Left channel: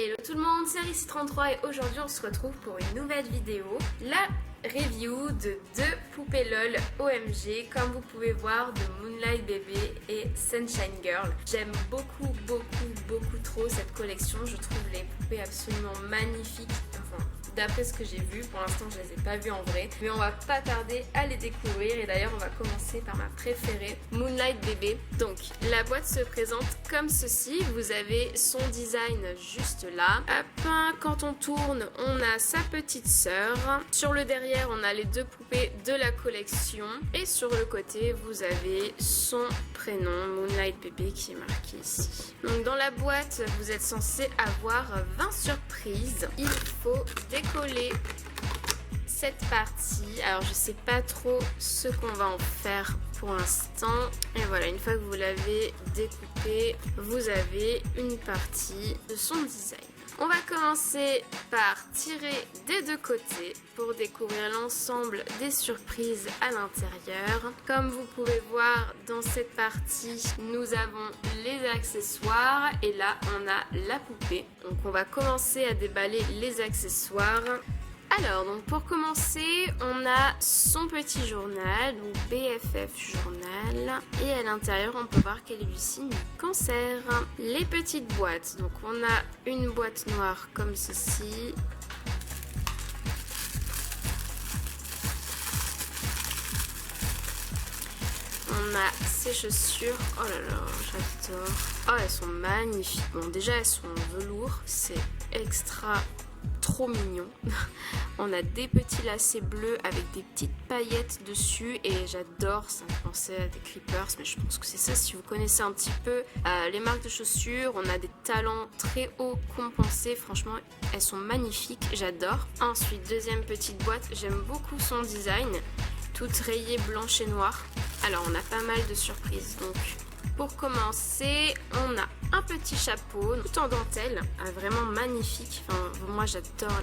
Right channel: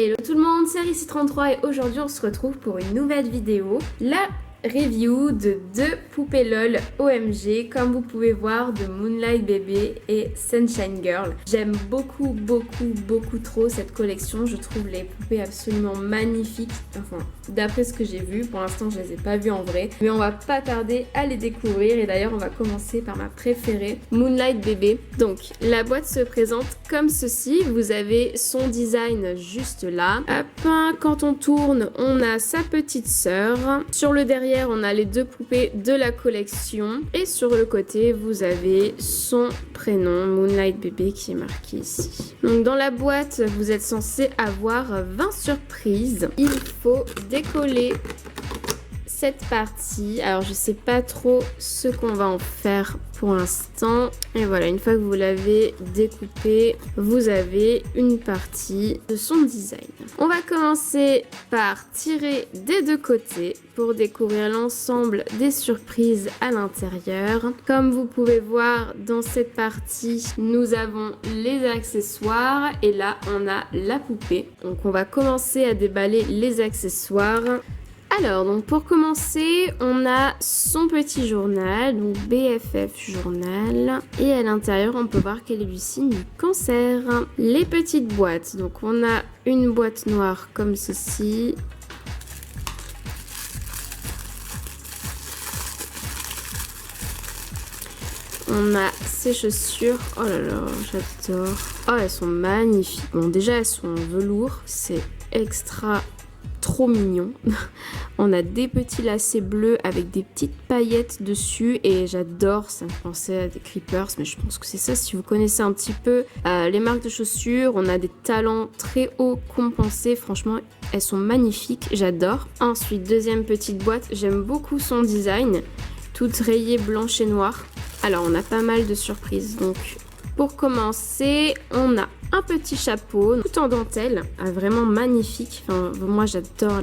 Hello tout le monde, c'est Rici33 et aujourd'hui on se retrouve pour une nouvelle vidéo. La review de deux poupées LOL OMG, comme vous pouvez voir, de Moonlight Baby et Sunshine Girl. J'aime beaucoup trop cette collection, je trouve les poupées absolument magnifiques, enfin d'après ce que j'ai vu, pour l'instant je les ai pas vues en vrai, mais on va pas tarder à les découvrir et d'ailleurs on va commencer par ma préférée, Moonlight Baby. Donc la boîte se présente comme ceci, vous avez son design juste là. Hop, quand on tourne, on a sa petite sœur. Sur le derrière, on a les deux poupées de la collection et sur le côté, vous avez son prénom, Moonlight Baby, qui est marqué ici. Donc dans la boîte, vous êtes censé avoir 20 surprises. Il faut décoller cette partie. Alors je sais pas trop ce qu'on va en faire pour l'instant. Et voilà, une fois que vous l'avez découpé, vous avez une partie de son design. On va commencer par tirer des deux côtés pour découvrir l'ensemble des surprises à l'intérieur. Comme vous pouvez voir dans cette partie, nous avons les accessoires et là on a la poupée. Donc on va commencer à déballer les accessoires. Alors, donc pour commencer, on a son petit journal, donc BFF journal. Et à l'intérieur, on peut voir qu'elle est du signe du cancer. Les petites boîtes, donc on a une boîte noire comme ceci. On a ses chaussures, oh là là, j'adore. Oh, elles sont magnifiques. Bon, déjà, elles sont en velours, c'est extra trop mignon. On a des petits lacets bleus avec des petites paillettes dessus et j'adore, ça me fait penser à des Creepers, mais je pense que c'est ça si vous connaissez un petit peu les marques de chaussures. On a des talons très haut compensés, franchement elles sont magnifiques, j'adore. Ensuite, deuxième petite boîte, j'aime beaucoup son design, toute rayée blanche et noire. Alors on a pas mal de surprises, donc pour commencer, on a un petit chapeau tout en dentelle, vraiment magnifique. Enfin, moi j'adore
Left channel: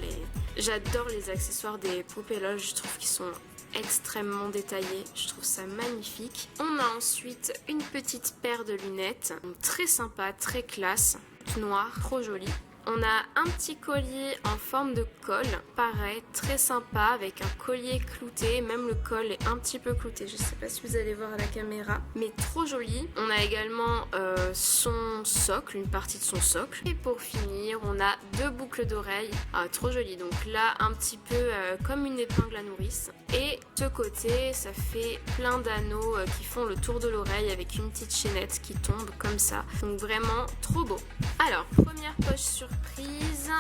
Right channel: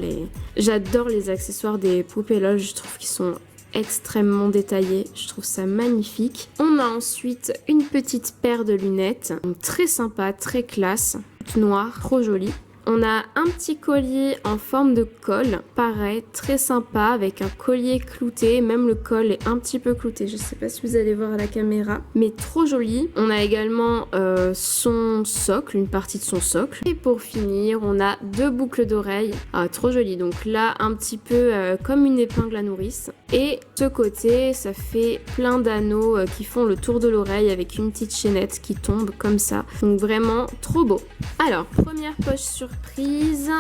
les accessoires des poupées LOL, je trouve qu'ils sont extrêmement détaillés, je trouve ça magnifique. On a ensuite une petite paire de lunettes, très sympa, très classe, toute noire, trop jolie. On a un petit collier en forme de col, pareil, très sympa, avec un collier clouté, même le col est un petit peu clouté, je sais pas si vous allez voir à la caméra, mais trop joli. On a également son socle, une partie de son socle. Et pour finir, on a deux boucles d'oreilles, trop joli. Donc là, un petit peu comme une épingle à nourrice. Et ce côté, ça fait plein d'anneaux qui font le tour de l'oreille avec une petite chaînette qui tombe comme ça. Donc vraiment trop beau. Alors, première poche surprise.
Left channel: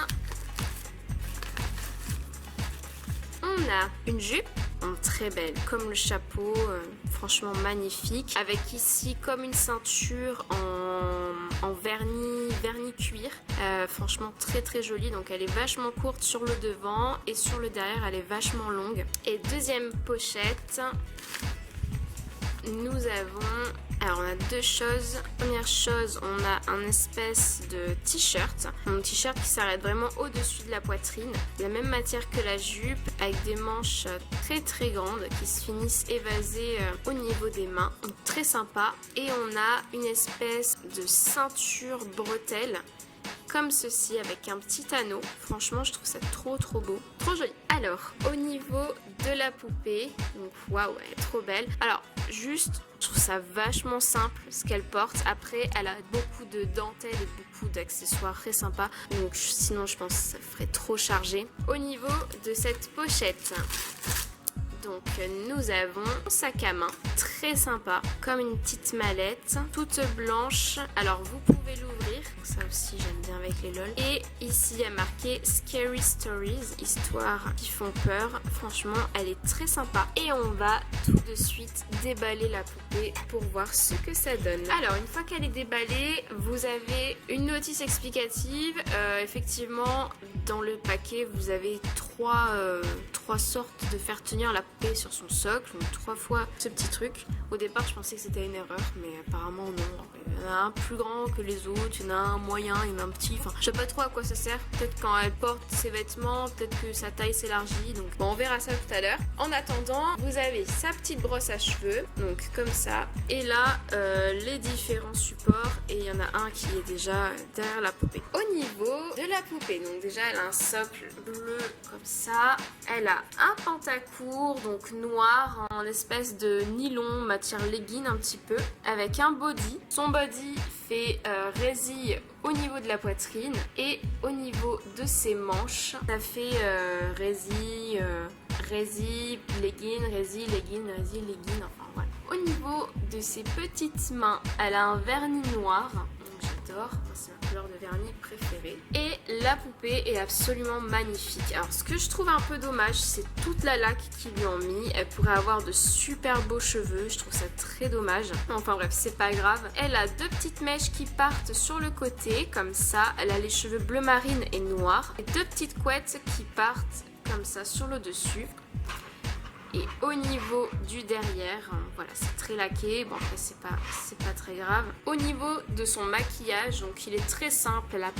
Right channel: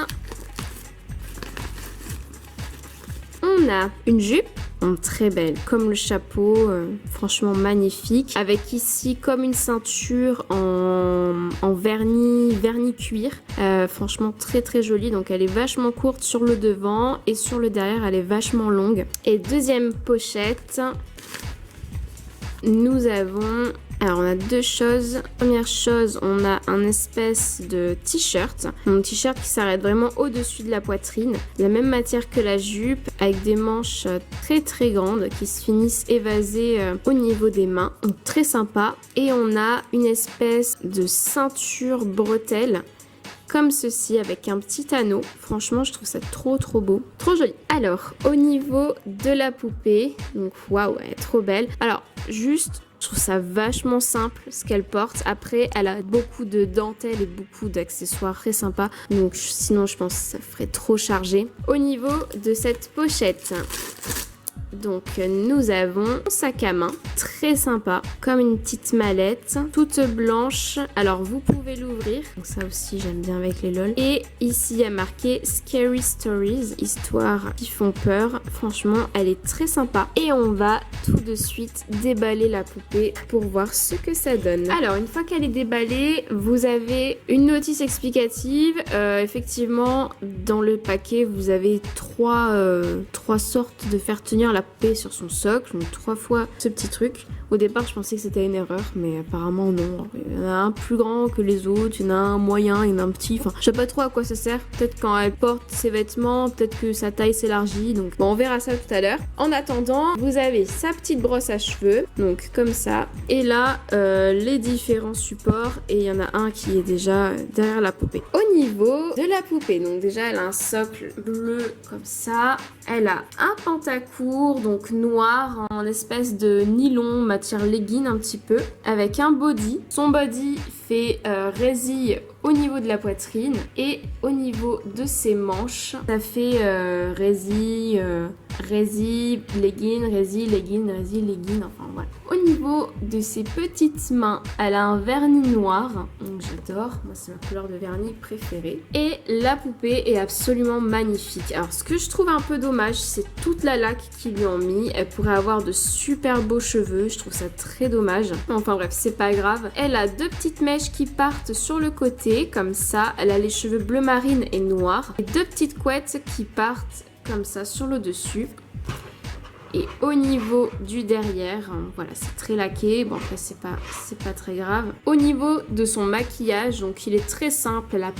On a une jupe, très belle, comme le chapeau, franchement magnifique. Avec ici comme une ceinture en vernis cuir. Franchement très jolie. Donc elle est vachement courte sur le devant et sur le derrière elle est vachement longue. Et deuxième pochette, nous avons... Alors on a deux choses. Première chose, on a un espèce de t-shirt. Un t-shirt qui s'arrête vraiment au-dessus de la poitrine. De la même matière que la jupe, avec des manches très grandes qui se finissent évasées au niveau des mains. Donc très sympa. Et on a une espèce de ceinture bretelle comme ceci avec un petit anneau. Franchement, je trouve ça trop beau, trop joli. Alors, au niveau de la poupée, donc waouh, elle est trop belle. Alors, juste, je trouve ça vachement simple ce qu'elle porte. Après, elle a beaucoup de dentelles et beaucoup d'accessoires très sympas. Donc, sinon, je pense que ça ferait trop chargé. Au niveau de cette pochette, donc nous avons un sac à main très sympa, comme une petite mallette, toute blanche. Alors vous pouvez l'ouvrir, donc ça aussi j'aime bien avec les LOL. Et ici il y a marqué Scary Stories, histoires qui font peur. Franchement elle est très sympa. Et on va tout de suite déballer la poupée pour voir ce que ça donne. Alors une fois qu'elle est déballée, vous avez une notice explicative. Effectivement dans le paquet vous avez 3 trois sortes de faire tenir la poupée sur son socle, donc 3 fois ce petit truc. Au départ je pensais que c'était une erreur, mais apparemment non. Il y en a un plus grand que les autres, il y en a un moyen, il y en a un petit, enfin je sais pas trop à quoi ça sert. Peut-être quand elle porte ses vêtements, peut-être que sa taille s'élargit, donc bon, on verra ça tout à l'heure. En attendant, vous avez sa petite brosse à cheveux, donc comme ça, et là les différents supports, et il y en a un qui est déjà derrière la poupée. Au niveau de la poupée, donc déjà elle a un socle bleu comme ça, elle a un pantacourt donc noir en espèce de nylon matière legging un petit peu, avec un body. Son body fait résille au niveau de la poitrine, et au niveau de ses manches ça fait résille, legging, legging, enfin voilà. Au niveau de ses petites mains, elle a un vernis noir, donc j'adore, moi c'est ma couleur de vernis préférée. Et la poupée est absolument magnifique. Alors ce que je trouve un peu dommage, c'est toute la laque qu'ils lui ont mis. Elle pourrait avoir de super beaux cheveux, je trouve ça très dommage. Enfin bref, c'est pas grave. Elle a 2 petites mèches qui partent sur le côté, comme ça. Elle a les cheveux bleu marine et noirs. Et 2 petites couettes qui partent comme ça sur le dessus. Et au niveau du derrière, voilà, c'est très laqué. Bon, après, c'est pas très grave. Au niveau de son maquillage, donc il est très simple. Elle a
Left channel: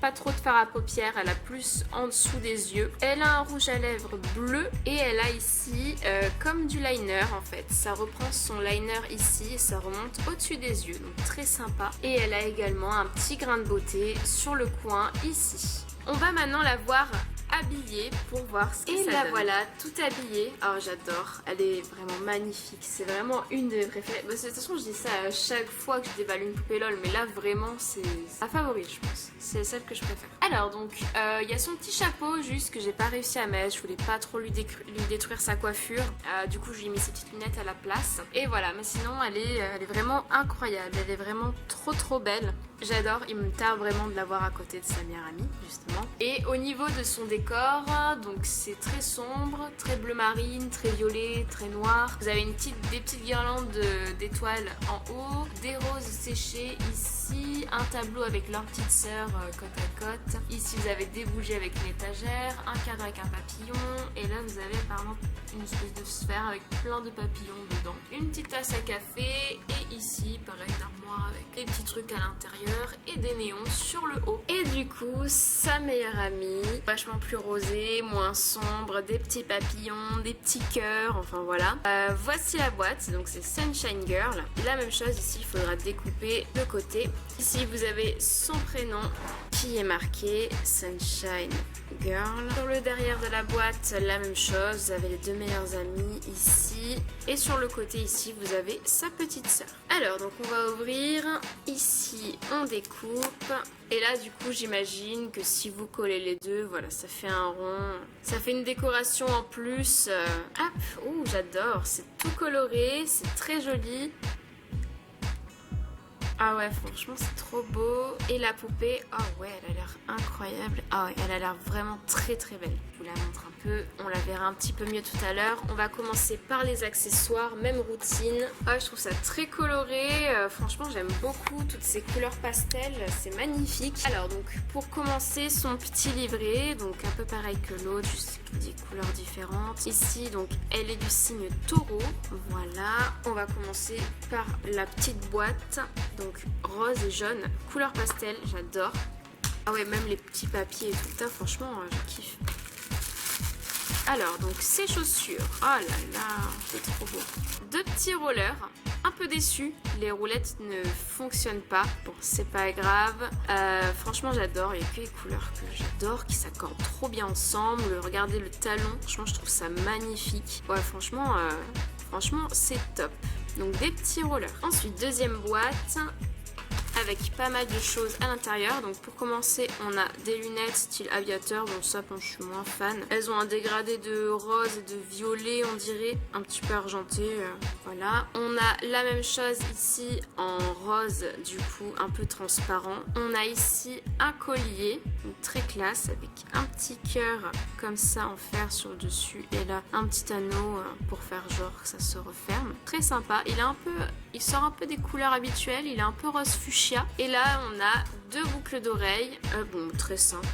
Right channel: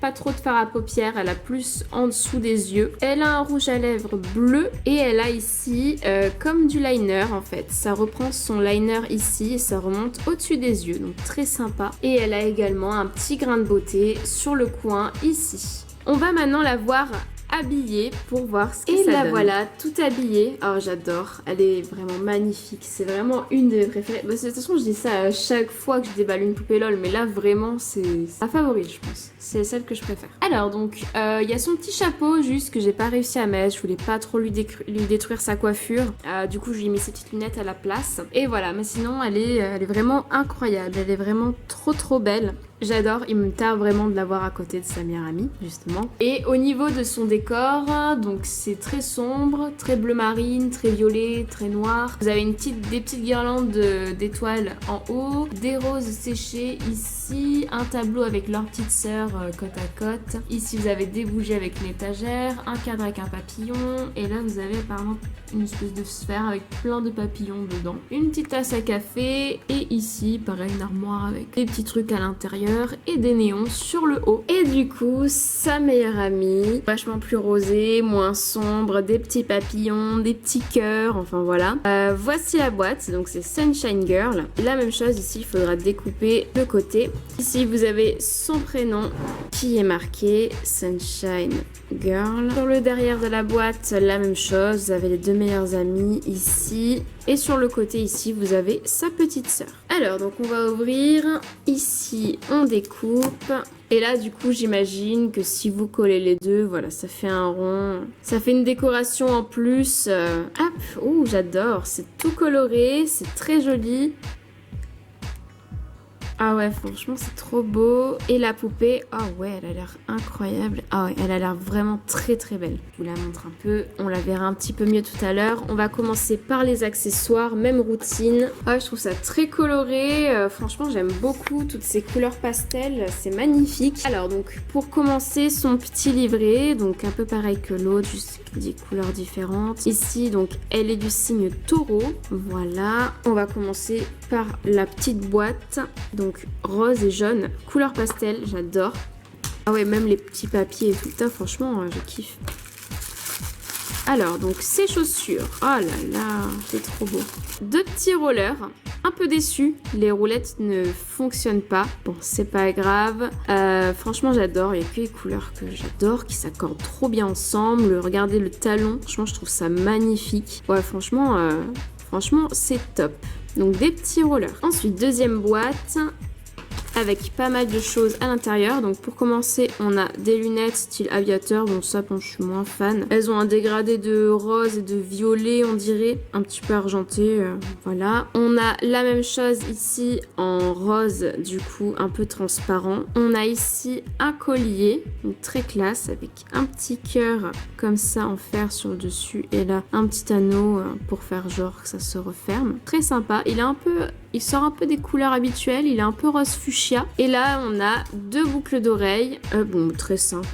pas trop de fard à paupières. Elle a plus en dessous des yeux. Elle a un rouge à lèvres bleu. Et elle a ici, comme du liner, en fait. Ça reprend son liner ici et ça remonte au-dessus des yeux. Donc, très sympa. Et elle a également un petit grain de beauté sur le coin ici. On va maintenant la voir habillée pour voir ce que ça donne. Et la voilà, tout habillée. Oh, j'adore. Elle est vraiment magnifique. C'est vraiment une de mes préférées. Bah, de toute façon, je dis ça à chaque fois que je déballe une poupée LOL, mais là, vraiment, c'est ma favorite, je pense. C'est celle que je préfère. Alors, donc, il y a son petit chapeau, juste que j'ai pas réussi à mettre. Je voulais pas trop lui détruire sa coiffure. Du coup, je lui ai mis ses petites lunettes à la place. Et voilà, mais sinon, elle est vraiment incroyable. Elle est vraiment trop belle. J'adore, il me tarde vraiment de la voir à côté de sa meilleure amie, justement. Et au niveau de son décor, donc c'est très sombre, très bleu marine, très violet, très noir. Vous avez des petites guirlandes d'étoiles en haut, des roses séchées ici, un tableau avec leurs petites sœurs côte à côte. Ici, vous avez des bougies avec une étagère, un cadre avec un papillon, et là, vous avez apparemment une espèce de sphère avec plein de papillons dedans. Une petite tasse à café, et ici, pareil, une armoire avec des petits trucs à l'intérieur et des néons sur le haut. Et du coup, sa meilleure amie, vachement plus rosée, moins sombre, des petits papillons, des petits cœurs, enfin voilà. Voici la boîte, donc c'est Sunshine Girl. La même chose ici, il faudra découper le côté. Ici, vous avez son prénom qui est marqué Sunshine Girl. Sur le derrière de la boîte, la même chose, vous avez les 2 meilleures amies ici. Et sur le côté ici, vous avez sa petite sœur. Alors, donc on va ouvrir. Ici, on découpe. Et là, du coup, j'imagine que si vous collez les deux, voilà, ça fait un rond. Ça fait une décoration en plus. Hop, ouh, j'adore. C'est tout coloré, c'est très joli. Ah ouais, franchement, c'est trop beau. Et la poupée, ah ouais, elle a l'air incroyable. Ah ouais, elle a l'air vraiment très belle. Je vous la montre un peu. On la verra un petit peu mieux tout à l'heure. On va commencer par les accessoires, même routine. Ah, je trouve ça très coloré. Franchement, j'aime beaucoup toutes ces couleurs pastel. C'est magnifique. Alors, donc, pour commencer, son petit livret. Donc, un peu pareil que l'autre, juste des couleurs différentes. Ici, donc, elle est du signe taureau. Voilà. On va commencer par la petite boîte. Donc rose et jaune, couleur pastel, j'adore. Ah ouais, même les petits papiers et tout ça, franchement, je kiffe. Alors, donc ces chaussures, oh là là, c'est trop beau. 2 petits rollers, un peu déçu, les roulettes ne fonctionnent pas. Bon, c'est pas grave. Franchement, j'adore, il y a que les couleurs que j'adore, qui s'accordent trop bien ensemble. Regardez le talon, franchement, je trouve ça magnifique. Ouais, franchement, c'est top. Donc des petits rollers. Ensuite, deuxième boîte avec pas mal de choses à l'intérieur. Donc pour commencer, on a des lunettes style aviateur. Bon, ça, je suis moins fan. Elles ont un dégradé de rose et de violet, on dirait. Un petit peu argenté, voilà. On a la même chose ici en rose, du coup, un peu transparent. On a ici un collier, donc très classe, avec un petit cœur comme ça en fer sur le dessus. Et là, un petit anneau pour faire genre que ça se referme. Très sympa. Il sort un peu des couleurs habituelles. Il est un peu rose fuchsia. Et là, on a 2 boucles d'oreilles. Bon, très simple.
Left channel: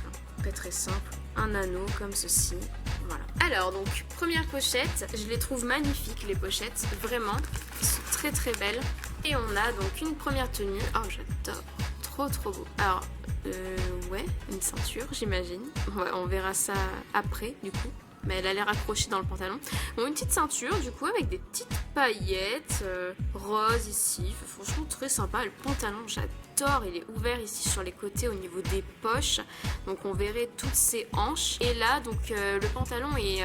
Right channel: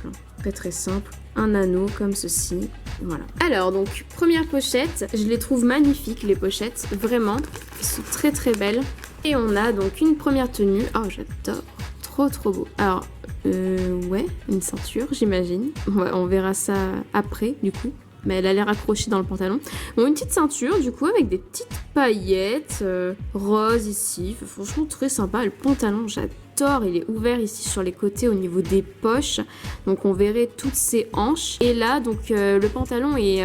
Très très simple. Un anneau comme ceci. Voilà. Alors donc, première pochette. Je les trouve magnifiques les pochettes. Vraiment. Elles sont très très belles. Et on a donc une première tenue. Oh, j'adore. Trop beau. Alors, ouais, une ceinture, j'imagine. Ouais, on verra ça après, du coup. Mais elle a l'air accrochée dans le pantalon. Bon, une petite ceinture, du coup, avec des petites paillettes roses ici. Franchement, très sympa. Le pantalon, j'adore. Il est ouvert ici sur les côtés au niveau des poches. Donc, on verrait toutes ses hanches. Et là, donc, le pantalon est...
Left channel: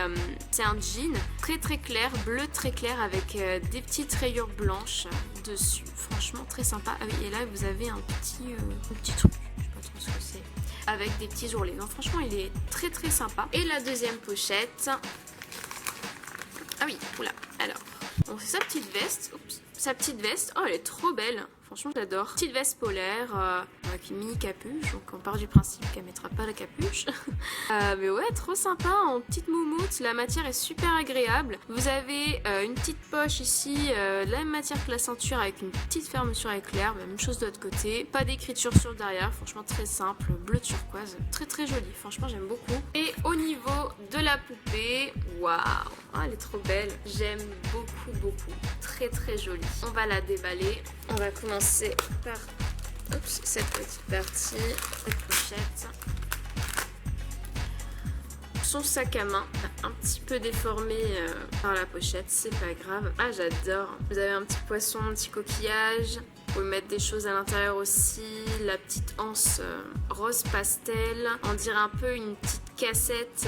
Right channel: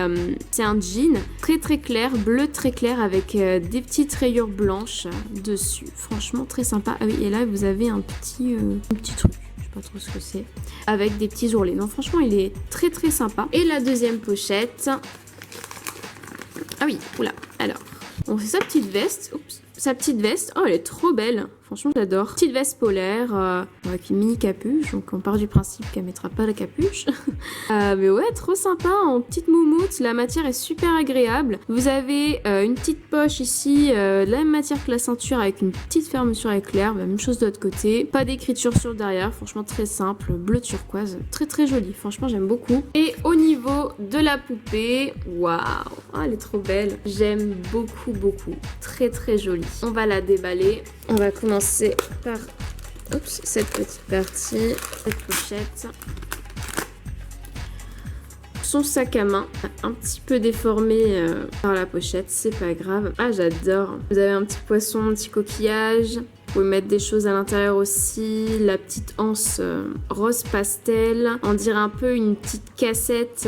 c'est un jean très clair, bleu très clair, avec des petites rayures blanches dessus. Franchement, très sympa. Ah oui, et là, vous avez un petit truc. Je sais pas trop ce que c'est. Avec des petits ourlets. Non, franchement, il est très sympa. Et la deuxième pochette. Ah oui, oula. Alors, on fait sa petite veste. Oups. Sa petite veste. Oh, elle est trop belle. Franchement, j'adore. Petite veste polaire avec une mini capuche. Donc, on part du principe qu'elle mettra pas la capuche. Mais ouais, trop sympa. En petite moumoute. La matière est super agréable. Vous avez une petite poche ici. De la même matière que la ceinture avec une petite fermeture éclair. Même chose de l'autre côté. Pas d'écriture sur le derrière. Franchement, très simple. Bleu turquoise. Très joli. Franchement, j'aime beaucoup. Et au niveau de la poupée. Waouh. Oh, elle est trop belle. J'aime beaucoup. Très jolie. On va la déballer. On va commencer par cette petite partie, cette pochette. Son sac à main, un petit peu déformé par la pochette, c'est pas grave. Ah, j'adore. Vous avez un petit poisson, un petit coquillage. Vous pouvez mettre des choses à l'intérieur aussi. La petite anse rose pastel. On dirait un peu une petite cassette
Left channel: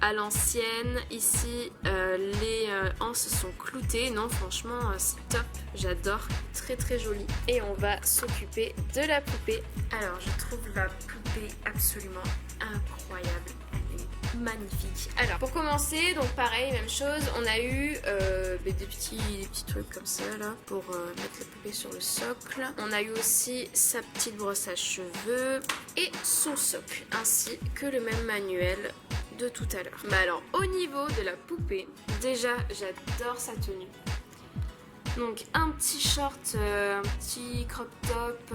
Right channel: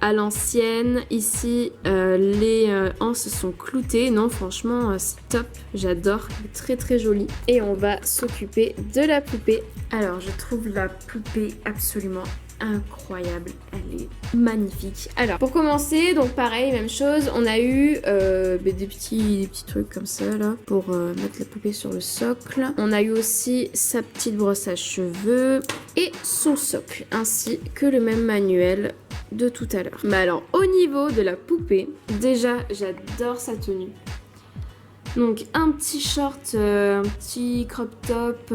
à l'ancienne. Ici, les anses sont cloutées. Non, franchement, c'est top. J'adore. Très joli. Et on va s'occuper de la poupée. Alors, je trouve la poupée absolument incroyable. Elle est magnifique. Alors, pour commencer, donc pareil, même chose. On a eu des petits trucs comme ça, là, pour mettre la poupée sur le socle. On a eu aussi sa petite brosse à cheveux et son socle, ainsi que le même manuel de tout à l'heure. Mais alors, au niveau de la poupée, déjà, j'adore sa tenue. Donc un petit short, un petit crop top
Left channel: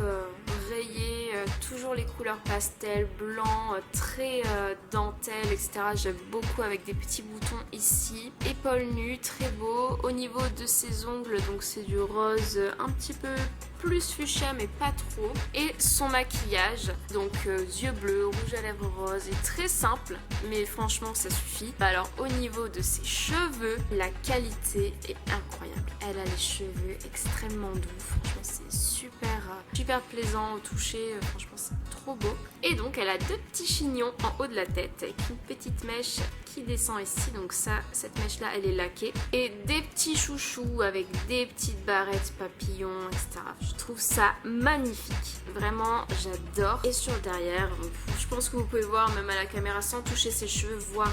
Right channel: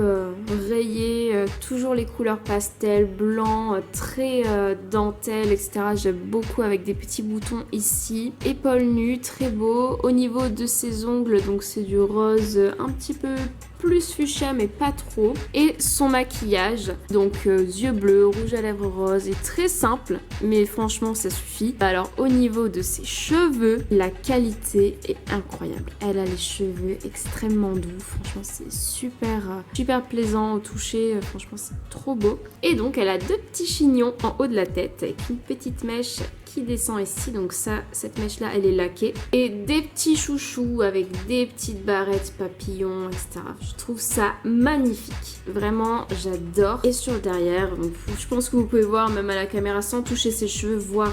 rayé, toujours les couleurs pastel, blanc, très dentelle, etc. J'aime beaucoup avec des petits boutons ici. Épaules nues, très beau. Au niveau de ses ongles, donc c'est du rose un petit peu plus fuchsia mais pas trop. Et son maquillage, donc yeux bleus, rouge à lèvres rose, est très simple mais franchement ça suffit. Alors au niveau de ses cheveux, la qualité est incroyable. Elle a les cheveux extrêmement doux, franchement c'est super plaisant au toucher, franchement c'est trop beau. Et donc elle a deux petits chignons en haut de la tête avec une petite mèche qui descend ici, donc ça, cette mèche là elle est laquée, et des petits chouchous avec des petites barrettes papillons, etc. Je trouve ça magnifique, vraiment j'adore. Et sur le derrière, donc, je pense que vous pouvez voir même à la caméra sans toucher ses cheveux, voir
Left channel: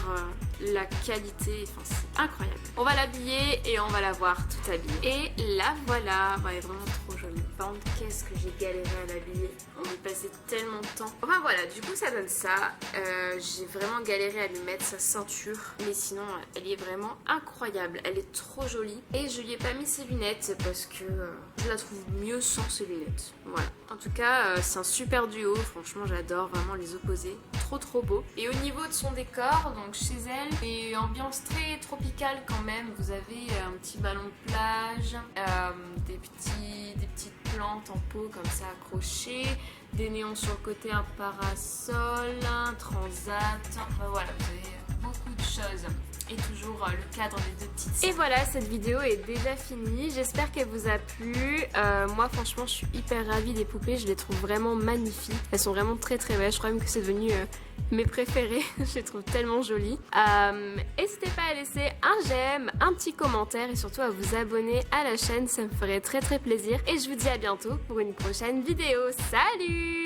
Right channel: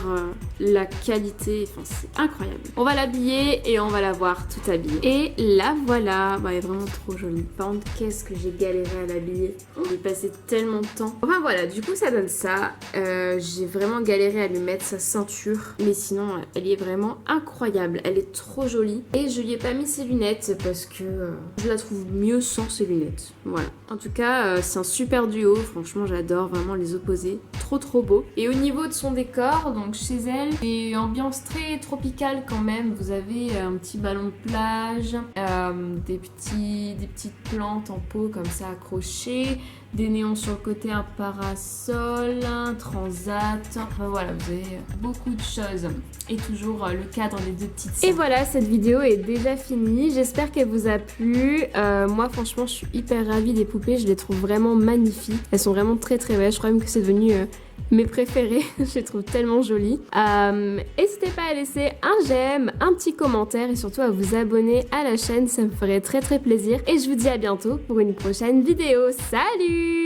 la qualité, enfin c'est incroyable. On va l'habiller et on va la voir tout habillée. Et la voilà, elle est vraiment trop jolie. Par contre, qu'est-ce que j'ai galéré à l'habiller, j'ai passé tellement de temps. Enfin voilà, du coup ça donne ça. J'ai vraiment galéré à lui mettre sa ceinture, mais sinon elle est vraiment incroyable, elle est trop jolie. Et je lui ai pas mis ses lunettes parce que je la trouve mieux sans ses lunettes. Voilà, en tout cas c'est un super duo, franchement j'adore vraiment les opposés, trop beau. Et au niveau de son décor, donc chez elle, c'est ambiance très tropicale quand même. Vous avez un petit ballon de plage, des petites plantes en pot comme ça accrochées, des néons sur le côté, un parasol, un transat, enfin voilà, vous avez beaucoup de choses. Et toujours le cadre des deux petites sœurs. Et voilà, cette vidéo est déjà finie, j'espère qu'elle vous a plu. Moi franchement je suis hyper ravie des poupées, je les trouve vraiment magnifiques, elles sont vraiment très belles, je crois même que c'est devenu mes préférées, je les trouve tellement jolies. N'hésitez pas à laisser un j'aime, un petit commentaire et surtout à vous abonner à la chaîne, ça me ferait très plaisir. Et je vous dis à bientôt pour une prochaine vidéo. Salut!